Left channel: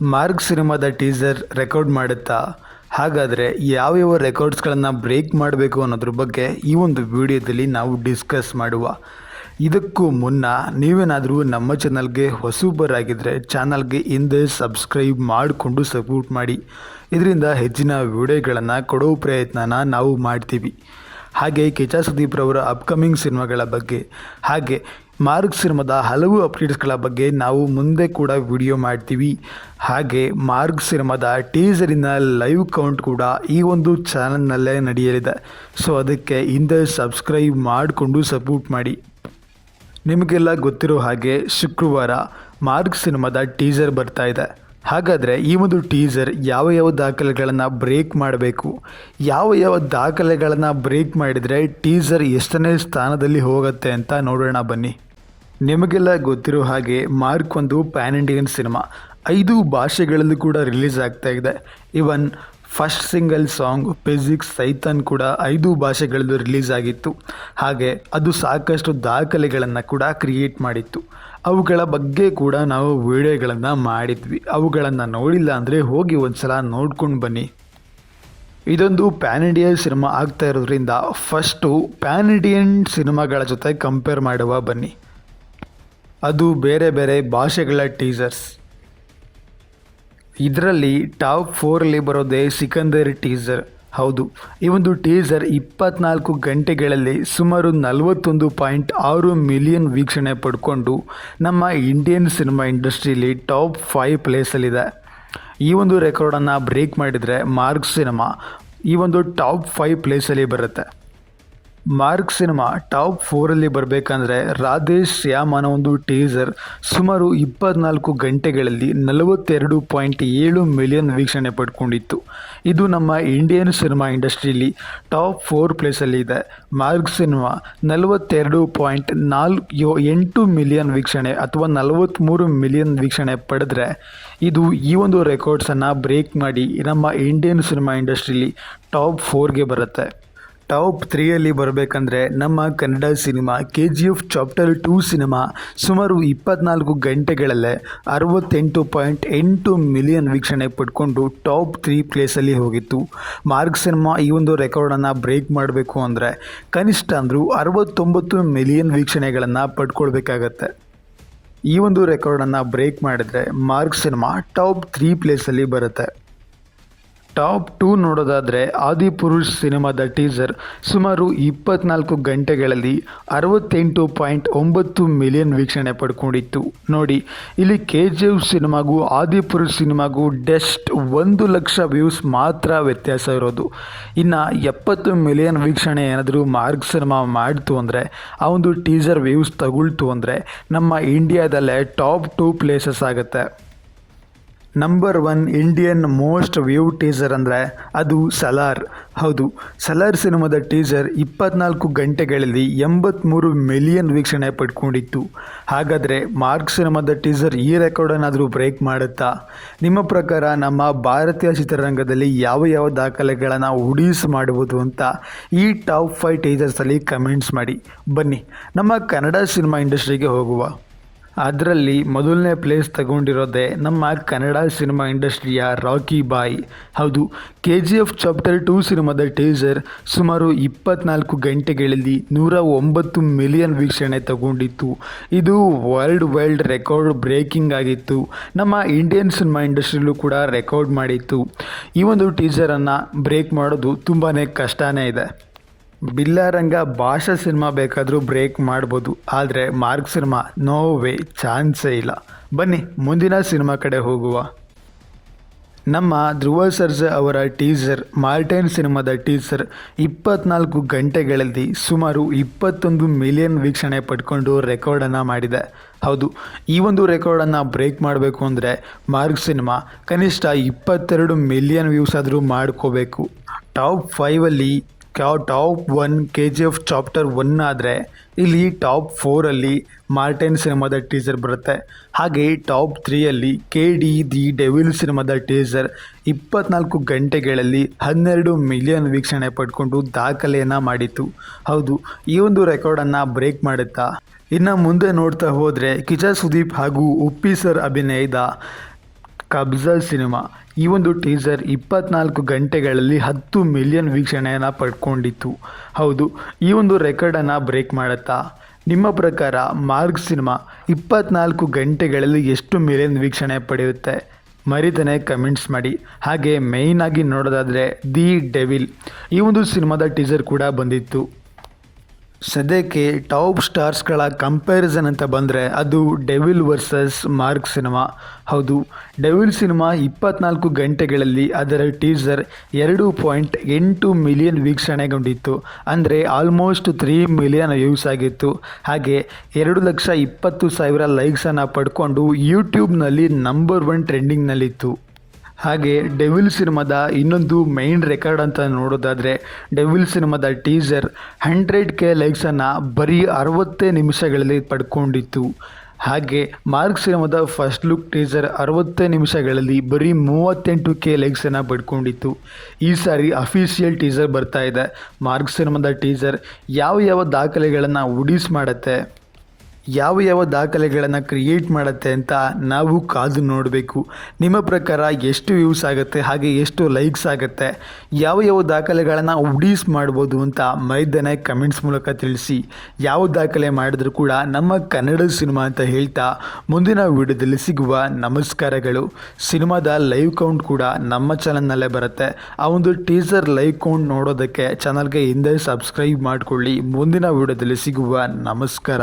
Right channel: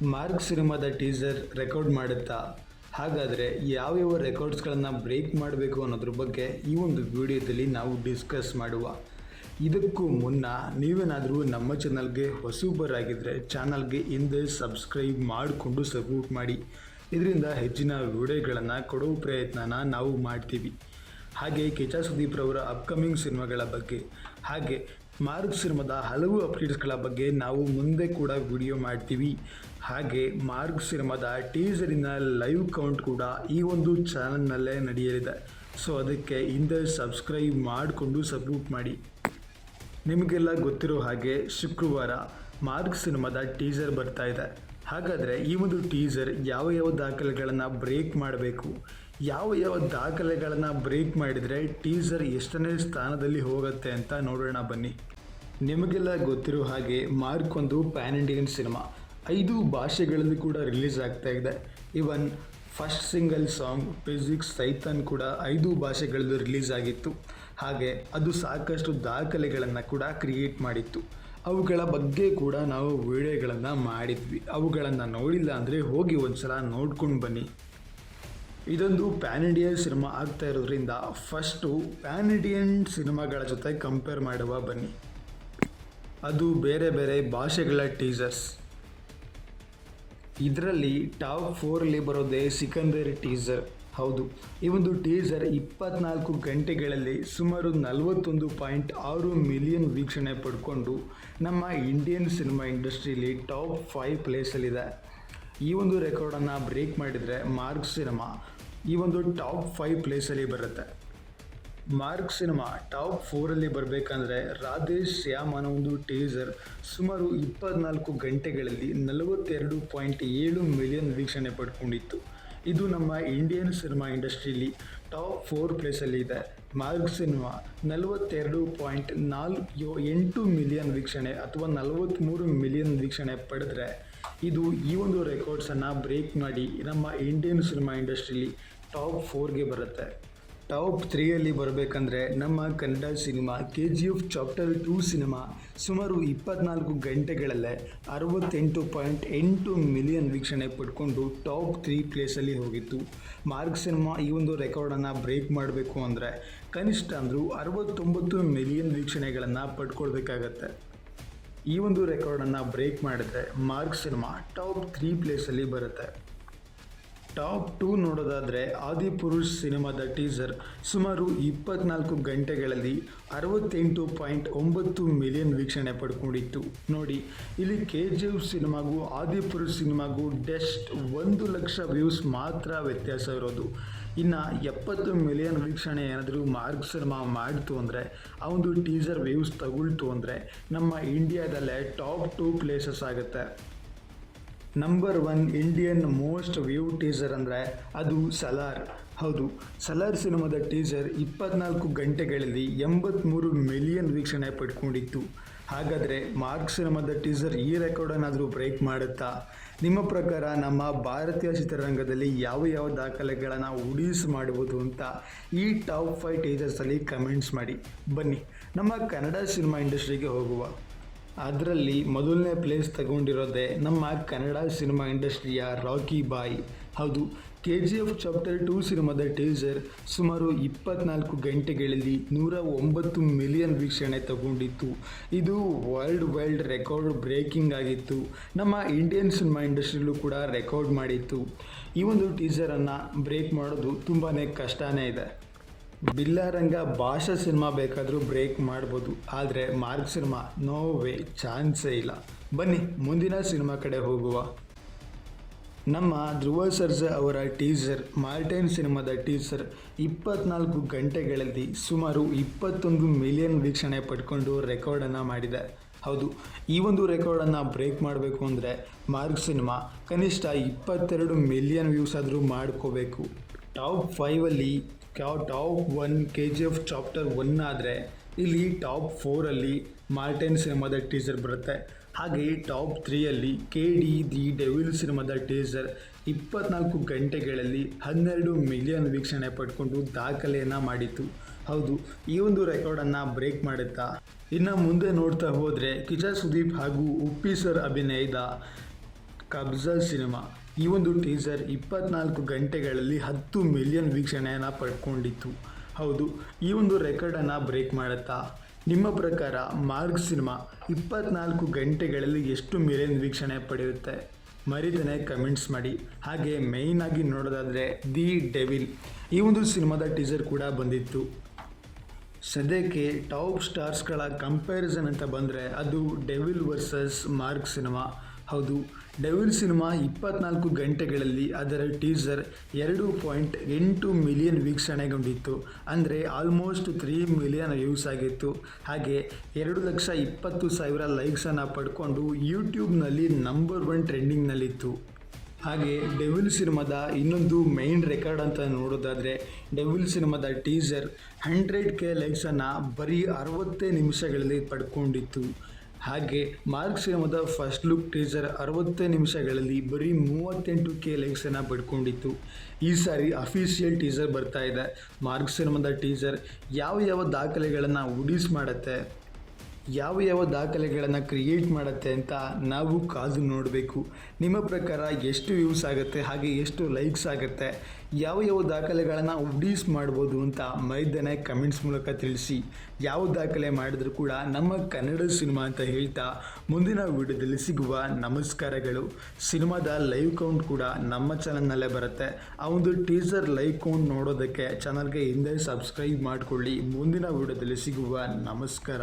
Mark ಸಿನಿಮಾದ teaser record ಮಾಡುತ್ತಾ? ಹಾಗಾದರೆ ಯಾವ್ಯಾವ ರೆಕಾರ್ಡ್ಸ್ಗಳನ್ನು ಬ್ರೇಕ್ ಮಾಡಬೇಕು ಅನ್ನೋದ್ರ ಬಗ್ಗೆ ಈ ಒಂದು ವಿಡಿಯೋದಲ್ಲಿ ನಾವು ಡಿಸ್ಕಸ್ ಮಾಡುವ. ಇದಕ್ಕೂ ಮುನ್ನ ನೀವೇನಾದರೂ ನಮ್ಮ ಚಾನಲ್ಗೆ ಹೊಸಬರಾಗಿದ್ದರೆ ಚಾನಲ್ಗೆ ಹಿಂದೆ ಸಬ್ಸ್ಕ್ರೈಬ್ ಮಾಡಿಕೊಂಡು ಸಪೋರ್ಟ್ ಮಾಡಿ. ಇದರಿಂದ ಹೆಚ್ಚಿನ ವಿಡಿಯೋಗಳನ್ನು ಕೊಡೋ ಪ್ರಯತ್ನನ ನಾವು ಮಾಡ್ತೀವಿ. ಹಾಗೆ ಕಿಚ್ಚ ಸುದೀಪ್ ರವರ ಅಪ್ಕಮಿಂಗ್ ಸಿನಿಮಾಗಳ ಬಗ್ಗೆ ಹಾಗೆ ಮಾರ್ಕ್ ಸಿನಿಮಾದ ಹಲವು ಅಪ್ಡೇಟ್ಸ್ಗಳ ಬಗ್ಗೆ ನಾವು ಮುಂದೆ ಕೂಡ ವಿಡಿಯೋ ಮಾಡ್ತೀವಿ. ಹಾಗೆ ಮಾರ್ಕ್ ಸಿನಿಮಾದ ಟೀಸರಿನ ಲೈವ್ ಕೌಂಟ್ ಕೂಡ ಈ ಒಂದು ಚಾನಲ್ನಲ್ಲೇ ನಡೆಯಲಿದೆ. ಸೊ ಅದಕ್ಕೆ ಹಿಂದೆ ಸಬ್ಸ್ಕ್ರೈಬ್ ಮಾಡಿಕೊಂಡು ಸಪೋರ್ಟ್ ಮಾಡಿ. ನಿಮಗೆಲ್ಲ ಗೊತ್ತಿರೋ ಹಾಗೆ ಶುಕ್ರವಾರ ಮಾರ್ಕ್ ಸಿನಿಮಾದ ಟೀಸರ್ ಬರ್ತಾ ಇದೆ. ಹಾಗಾದರೆ ಈ ಒಂದು ಟೀಸರ್ ಯಾವ ದಾಖಲೆಗಳನ್ನು ಬ್ರೇಕ್ ಮಾಡಬೇಕು, ಯಾವ ದಾಖಲೆಗಳನ್ನು ಬ್ರೇಕ್ ಮಾಡಿದರೆ ಟೀಸರ್ ಎಷ್ಟನೇ ಸ್ಥಾನದಲ್ಲಿ ಹೋಗುತ್ತೆ ಅಂತ ನೋಡೋಣ ಬನ್ನಿ. ನಿಮಗೆಲ್ಲ ಗೊತ್ತಿರೋ ಹಾಗೆ ಮಾರ್ಕ್ ಒಂದು ಪ್ಯಾನ್ ಇಂಡಿಯನ್ ಸಿನಿಮಾ 5 ಭಾಷೆಗಳಲ್ಲೂ ಕೂಡ ರಿಲೀಸ್ ಆಗ್ತಾ ಇದೆ. ಇವನ್ ಫಸ್ಟ್ ಸಿಂಗಲ್ ಸಾಂಗ್ ಫಿಸಿಕ್ಸ್ ಸೈತಾನ್ ಕೂಡ 5 ಭಾಷೆಗಳಲ್ಲೂ ರಿಲೀಸ್ ಆಗಿತ್ತು. ಹಾಗೆ ಅದು ಸಾಕಷ್ಟು ದಾಖಲೆಗಳನ್ನು ಕೂಡ ಕ್ರಿಯೇಟ್ ಮಾಡಿತ್ತು. ಅವುಗಳ ಬಗ್ಗೆ ಕೂಡ ನಾವು ವಿಡಿಯೋಗಳನ್ನು ಮಾಡಿದ್ವಿ. ಅವುಗಳನ್ನು ನೋಡಿಲ್ಲ ಅಂದರೆ ಹೋಗಿ ಒಂದ್ಸಲ ನೋಡ್ಕೊಂಡು ಬನ್ನಿ. ಇದೊಂದು ಪ್ಯಾನ್ ಇಂಡಿಯಾ ಸಿನಿಮಾ ಆಗ್ತಾ ಇರೋದ್ರಿಂದ ಫಸ್ಟು ಪ್ಯಾನ್ ಇಂಡಿಯನ್ ಸಿನಿಮಾಗಳ ಜೊತೆ ಕಂಪೇರ್ ಮಾಡುವ ಬನ್ನಿ. ಅದು ಬೇರೆ ಬೇರೆ ಭಾಷೆಗಳ ಟೀಸರ್ಸ್. ಇದರಲ್ಲಿ ಟಾಪ್ 4 ಬರೋದೇ ಸಿಕಂದರ್ ಟೀಸರ್. ಹೌದು, ಈ ಒಂದು ಟೀಸರ್ 24 ಗಂಟೆಗಳಲ್ಲಿ ಸುಮಾರು 41.6 ಮಿಲಿಯನ್ ವೀಕ್ಷಣೆ ಪಡ್ಕೊಂಡು ನಮ್ಮ ಇಂಡಿಯನ್ ಸಿನಿಮಾ ಇಂಡಸ್ಟ್ರಿಯಲ್ಲಿ ಟಾಪ್ 5 ಪ್ಲೇಸಲ್ಲಿದೆ. ಈ ಒಂದು ರೆಕಾರ್ಡನ್ನು ಬ್ರೇಕ್ ಮಾಡಿದರೆ ಮಾರ್ಕ್ ಸಿನಿಮಾ ಈ ಒಂದು ಟಾಪ್ 5 ಪ್ಲೇಸಲ್ಲಿ ಬರುತ್ತೆ. ಮಾರ್ಕ್ ಸಿನಿಮಾ ಟಾಪ್ 4 ಬರಬೇಕಂದ್ರೆ ರಾಧೇಶ್ ಶ್ಯಾಮ್ ಅನ್ನೋ ಒಂದು ಟೀಸರ್ ಸುಮಾರು 24 ಗಂಟೆಗಳಲ್ಲಿ 42.7 ಮಿಲಿಯನ್ ವೀಕ್ಷಣೆ ಪಡ್ಕೊಂಡಿತ್ತು. ಇದು ನಮ್ಮ ಇಂಡಿಯನ್ ಸಿನಿಮಾ ಇಂಡಸ್ಟ್ರಿಯಲ್ಲಿ ಟಾಪ್ 4 ಪ್ಲೇಸಲ್ಲಿ ಇದೆ. ಮಾರ್ಕ್ ಸಿನಿಮಾ 42.48 ಮಿಲಿಯನ್ ವೀಕ್ಷಣೆ ಅಥವಾ 43 ಮಿಲಿಯನ್ ವೀಕ್ಷಣೆ ಪಡೆದ್ರೆ ಇದು ಈ ಒಂದು ರೆಕಾರ್ಡ್ಸನ್ನು ಬ್ರೇಕ್ ಮಾಡಿ ನಮ್ಮ ಇಂಡಿಯನ್ ಸಿನಿಮಾ ಇಂಡಸ್ಟ್ರಿಯಲ್ಲಿ ಟಾಪ್ 4ಗೆ ಬರುತ್ತೆ. ಟಾಪ್ 3 ಬರಬೇಕಂದ್ರೆ ನಮ್ಮ Kannada cinema KGF chapter 2 cinema ಸುಮಾರು 24 ಗಂಟೆಗಳಲ್ಲೇ 68.8 ಮಿಲಿಯನ್ ವೀಕ್ಷಣೆ ಪಡ್ಕೊಂಡು ಟಾಪ್ 3 ಪ್ಲೇಸಲ್ಲಿ ಹೋಗಿತ್ತು. ಮಾರ್ಕ್ ಸಿನಿಮಾ ಈ ಒಂದು ರೆಕಾರ್ಡನ್ನು ಬ್ರೇಕ್ ಮಾಡಬೇಕು ಅಂದರೆ ಕನಿಷ್ಠ ಅಂದರೂ 69 ಮಿಲಿಯನ್ ವೀಕ್ಷಣೆಗಳನ್ನು ಪಡ್ಕೊಳ್ಬೇಕಾಗತ್ತೆ. ಈ ಒಂದು ರೆಕಾರ್ಡನ್ನು ಬ್ರೇಕ್ ಮಾಡಿದ್ರೆ ಮಾರ್ಕ್ ಸಿನಿಮಾ ಟಾಪ್ 3 ಪ್ಲೇಸಲ್ಲಿ ಬರುತ್ತೆ. ಟಾಪ್ 2 ನೋಡೋದಾದರೆ ಆದಿಪುರುಷ್ ಸಿನಿಮಾದ ಟೀಸರ್ ಸುಮಾರು 24 ಗಂಟೆಗಳಲ್ಲಿ 68.9 ಮಿಲಿಯನ್ ವೀಕ್ಷಣೆ ಪಡ್ಕೊಂಡಿತ್ತು. ನೋಡಿ, ಇಲ್ಲಿ KGF ಸಿನಿಮಾಗೂ ಆದಿಪುರುಷ್ ಸಿನಿಮಾಗೂ ಜಸ್ಟ್ 1 ಲಕ್ಷ ವ್ಯೂಸ್ ಮಾತ್ರ ವ್ಯತ್ಯಾಸ ಇರೋದು. ಇನ್ನು 70 ಮಿಲಿಯನ್ ವೀಕ್ಷಣೆ ಏನಾದರೂ ಮಾರ್ಕ್ ಸಿನಿಮಾ ಮಾಡ್ತು ಅಂದರೆ ಆ ಒಂದು ಟೀಸರ್ ವ್ಯೂಸ್ ತಗೊಳ್ತು ಅಂದರೆ ನಮ್ಮ ಇಂಡಿಯಾದಲ್ಲೇ ಟಾಪ್ 2 ಪ್ಲೇಸಸ್ ಆಗುತ್ತೆ. Number 1 Indian most view teaser ಅಂದರೆ ಅದು ಸಲಾರ್. ಹೌದು, ಸಲಾರ್ ಸಿನಿಮಾದ ಟೀಸರ್ 24 ಗಂಟೆಗಳಲ್ಲಿ 83 ಮಿಲಿಯನ್ ವೀಕ್ಷಣೆ ಪಡ್ಕೊಂಡಿತ್ತು. ಹಾಗಾದರೆ ಮಾರ್ಕ್ ಸಿನಿಮಾದ ಟೀಸರ್ ಈ ರೆಕಾರ್ಡನ್ನಾದರೂ ಬ್ರೇಕ್ ಮಾಡುತ್ತಾ? ನಿಮ್ಮ ಪ್ರಕಾರ ನಮ್ಮ ಭಾರತೀಯ ಚಿತ್ರರಂಗದಲ್ಲಿ ಯಾವ ದಾಖಲೆಗಳನ್ನು ಉಡೀಸ್ ಮಾಡುವುದು ಅಂತ ಈ ಟಾಪ್ 5 ಟೀಸರ್ಸಲ್ಲಿ ಕಮೆಂಟ್ಸ್ ಮಾಡಿ. ಬನ್ನಿ ನಮ್ಮ ಕನ್ನಡ ಸಿನಿಮಾ ಇಂಡಸ್ಟ್ರಿಗೆ ಹೋಗುವ. ಅದರಲ್ಲಿ ಮೊದಲನೇ ಪ್ಲೇಸ್ ತಗೊಂಡಿರೋದೇ ನಮ್ಮ ಕನ್ನಡ ಸಿನಿಮಾ ಇಂಡಸ್ಟ್ರಿಯ ರಾಕಿ ಬಾಯ್. ಹೌದು, KGF ಚಾಪ್ಟರ್ 2 ಸಿನಿಮಾದ ಟೀಸರ್ ಸುಮಾರು 24 ಗಂಟೆಗಳಲ್ಲಿ 109 ಮಿಲಿಯನ್ ವೀಕ್ಷಣೆ ತಗೊಂಡಿತ್ತು. ಇದು ವರ್ಲ್ಡ್ ರೆಕಾರ್ಡ್ ಬ್ರೇಕಿಂಗ್ ಆಗಿತ್ತು. ನಮ್ಮ ಇಂಡಿಯನ್ ಸಿನಿಮಾ ಇಂಡಸ್ಟ್ರಿಯಲ್ಲೂ ಕೂಡ ರೆಕಾರ್ಡ್ ಮಾಡಿತ್ತು. ಈ ಒಂದು ಟೀಸರನ್ನು ಬ್ರೇಕ್ ಮಾಡೋದು ತುಂಬಾ ಕಷ್ಟನೇ ಇದೆ. ಬಿಲ್ಲಾರಂಗ ಭಾಷಾ ಸಿನಿಮಾ ಬೇಕಾದರೂ ಬ್ರೇಕ್ ಮಾಡ್ಬೋದು, ಆದರೆ ಮಾರ್ಕ್ ಸಿನಿಮಾ ನೋ ವೇ, ಚಾನ್ಸೇ ಇಲ್ಲ. ಬನ್ನಿ ಮುಂದಿನ ಸಿನಿಮಾ ಕಡೆ ಹೋಗುವ. ನಮ್ಮ ಧ್ರುವ ಸರ್ಜಾ ಅವರ ಟೀಸರ್ ಮಾರ್ಟೈನ್ ಸಿನಿಮಾದ ಟೀಸರ್ 24 ಗಂಟೆಗಳಲ್ಲಿ ಸುಮಾರು 21 ಮಿಲಿಯನ್ ವೀಕ್ಷಣೆ ಪಡ್ಕೊಂಡು ರೆಕಾರ್ಡನ್ನು ಮಾಡಿದೆ. ಹೌದು, ಈ ಒಂದು ರೆಕಾರ್ಡನ್ನು ಬ್ರೇಕ್ ಮಾಡಬೇಕು ಅಂದರೆ ಮಾರ್ಕ್ ಸಿನಿಮಾ ಕನಿಷ್ಠ 22 ಮಿಲಿಯನ್ ವ್ಯೂಸ್ ಆದರೂ ಮಾಡ್ಕೋಬೇಕು. ಟಾಪ್ 5 ಟಾಪ್ 1 KGF ಚಾಪ್ಟರ್ 1 ಆದರೆ ಇಲ್ಲಿ ಟಾಪ್ 4 ಮಾರ್ಟೈನ್ ಸಿನಿಮಾದ ಟೀಸರ್ ಬರುತ್ತೆ. ಹಾಗೆ ಟಾಪ್ 3 KD ದಿ ಡೆವಿಲ್ ಸಿನಿಮಾದ ಟೀಸರ್ 24 ಗಂಟೆಗಳಲ್ಲಿ 12 ಮಿಲಿಯನ್ ವೀಕ್ಷಣೆ ಪಡ್ಕೊಂಡು ದಾಖಲೆಯನ್ನು ಮಾಡಿತ್ತು. ಹೌದು, ಈ ಒಂದು ರೆಕಾರ್ಡನ್ನು ಬ್ರೇಕ್ ಮಾಡುತ್ತಾ? ಇನ್ನು ಮುಂದೆ ನೋಡ್ತಾ ಹೋದರೆ ಕಿಚ್ಚ ಸುದೀಪ್ ಹಾಗೂ ಉಪ್ಪಿ ಸರ್ ಅಭಿನಯದ ಕಬ್ಜಾ ಸಿನಿಮಾ ಈ ಒಂದು ಟೀಸರ್ 24 ಗಂಟೆಗಳಲ್ಲಿ 10 ಮಿಲಿಯನ್ ವೀಕ್ಷಣೆಯನ್ನು ಪಡ್ಕೊಂಡಿತ್ತು. ಹೌದು, ಈ ಒಂದು ರೆಕಾರ್ಡನ್ನು ಬ್ರೇಕ್ ಮಾಡುತ್ತಾ? ನಿಮ್ಮ ಪ್ರಕಾರ ಮಾರ್ಕ್ ಸಿನಿಮಾ 24 ಗಂಟೆಗಳಲ್ಲಿ ಎಷ್ಟು ಮಿಲಿಯನ್ ವೀಕ್ಷಣೆ ಪಡೆಯುತ್ತೆ? ಮರಿತಾನೆ ಕಮೆಂಟ್ಸ್ ಮಾಡಿ. ಹಾಗೆ ಮೇಯ್ನಾಗಿ ನೋಡೋದಾದರೆ ದಿ ಡೆವಿಲ್ ಈ ಒಂದು ಸಿನಿಮಾದ ಟೀಸರ್ ಕೂಡ ಬಂದಿತ್ತು. ಸದ್ಯಕ್ಕೆ ಟಾಪ್ ಸ್ಟಾರ್ಸ್ಗಳ ಕಂಪ್ಯಾರಿಸನ್ ಅಂತ ಬಂದರೆ ಅದು ಡೆವಿಲ್ ವರ್ಸಸ್ ಮಾರ್ಕ್ ಸಿನಿಮಾ. ಹೌದು, ಡೆವಿಲ್ ಸಿನಿಮಾ 24 ಗಂಟೆಗಳಲ್ಲಿ ಅದರ ಟೀಸರ್ 2.8 ಮಿಲಿಯನ್ ವೀಕ್ಷಣೆಗೊಂಡಿತ್ತು. ಅಂದರೆ ಆಲ್ಮೋಸ್ಟ್ 3 ಮಿಲಿಯನ್ ವ್ಯೂಸ್ ಆಗಿತ್ತು. ಹಾಗೆ 2,20,000 ಲೈಕ್ಸನ್ನು ಪಡ್ಕೊಂಡು ಯೂಟ್ಯೂಬ್ನಲ್ಲಿ ನಂಬರ್ 1 ಟ್ರೆಂಡಿಂಗ್ನಲ್ಲಿತ್ತು. ಹಾಗೆ ಡೆವಿಲ್ ಸಿನಿಮಾದ ಇನ್ನೊಂದು ಮೈನ್ ರೆಕಾರ್ಡ್ ಅಂತ ನೋಡೋದಾದರೆ ಡೆವಿಲ್ ಸಿನಿಮಾದ ಟೀಸರ್ 100K ಲೈಕ್ಸನ್ನು ಬರೀ 60 ನಿಮಿಷಗಳಲ್ಲಿ ಪಡ್ಕೊಂಡಿತ್ತು. ಹಾಗೆ ಮಾರ್ಕ್ ಸಿನಿಮಾದ ಫಸ್ಟ್ ಲುಕ್ ಟೀಸರ್ 60 ನಿಮಿಷಗಳಲ್ಲಿ ಬರೀ 38K ಲೈಕ್ಸನ್ನು ಪಡ್ಕೊಂಡಿತ್ತು. ಈ ಸಾರಿ ಅಫಿಷಿಯಲ್ ಟೀಸರ್ ಬರ್ತಾ ಇದೆ. ಮಾರ್ಕ್ ಸಿನಿಮಾದ ಟೀಸರ್ ಯಾವ ದಾಖಲೆಗಳನ್ನು ಉಡಿಸ್ ಮಾಡುತ್ತೆ, ಯಾವ ದಾಖಲೆಗಳನ್ನು ಕ್ರಿಯೇಟ್ ಮಾಡುತ್ತೆ ಅಂತ ನಾವು ಕಾದು ನೋಡಬೇಕು. ನಿಮ್ಮ ಪ್ರಕಾರ ಎಷ್ಟು ವ್ಯೂಸ್ ಆಗುತ್ತೆ, ಹಾಗೆ ಎಷ್ಟು ಲೈಕ್ಸ್ ಆಗುತ್ತೆ, ಯಾವ ದಾಖಲೆಗಳನ್ನು ಉಡೀಸ್ ಮಾಡ್ಬೋದು ಅಂತ ಮೈದಾನೆ ಕಮೆಂಟ್ಸ್ ಮೂಲಕ ತಿಳಿಸಿ. ಯಾವ ದಾಖಲೆ ಮಾಡಿದ್ರೂ ಕೂಡ ನಮ್ಮ ಕನ್ನಡ ಸಿನಿಮಾ ಅಂತ ಹೇಳ್ತಾ ಮುಂದಿನ ವಿಡಿಯೋದಲ್ಲಿ ಸಿಗುವ ನಮಸ್ಕಾರಗಳು. ಸಿನಿಮಾದ ಲೈವ್ ಕೌಂಟ್ ಕೂಡ ನಮ್ಮ ಚಾನಲ್ನಲ್ಲೇ ಬರುತ್ತೆ. ಆ ಒಂದು ಟೀಸರ್ ಲೈವ್ ಕೌಂಟ್ ನೋಡೋದಕ್ಕೆ ಚಾನಲ್ಗೆ ಹಿಂದೆ ಸಬ್ಸ್ಕ್ರೈಬ್ ಮಾಡಿಕೊಳ್ಳಿ. ಮುಂದಿನ ವಿಡಿಯೋದಲ್ಲಿ ಸಿಗುವ ನಮಸ್ಕಾರ.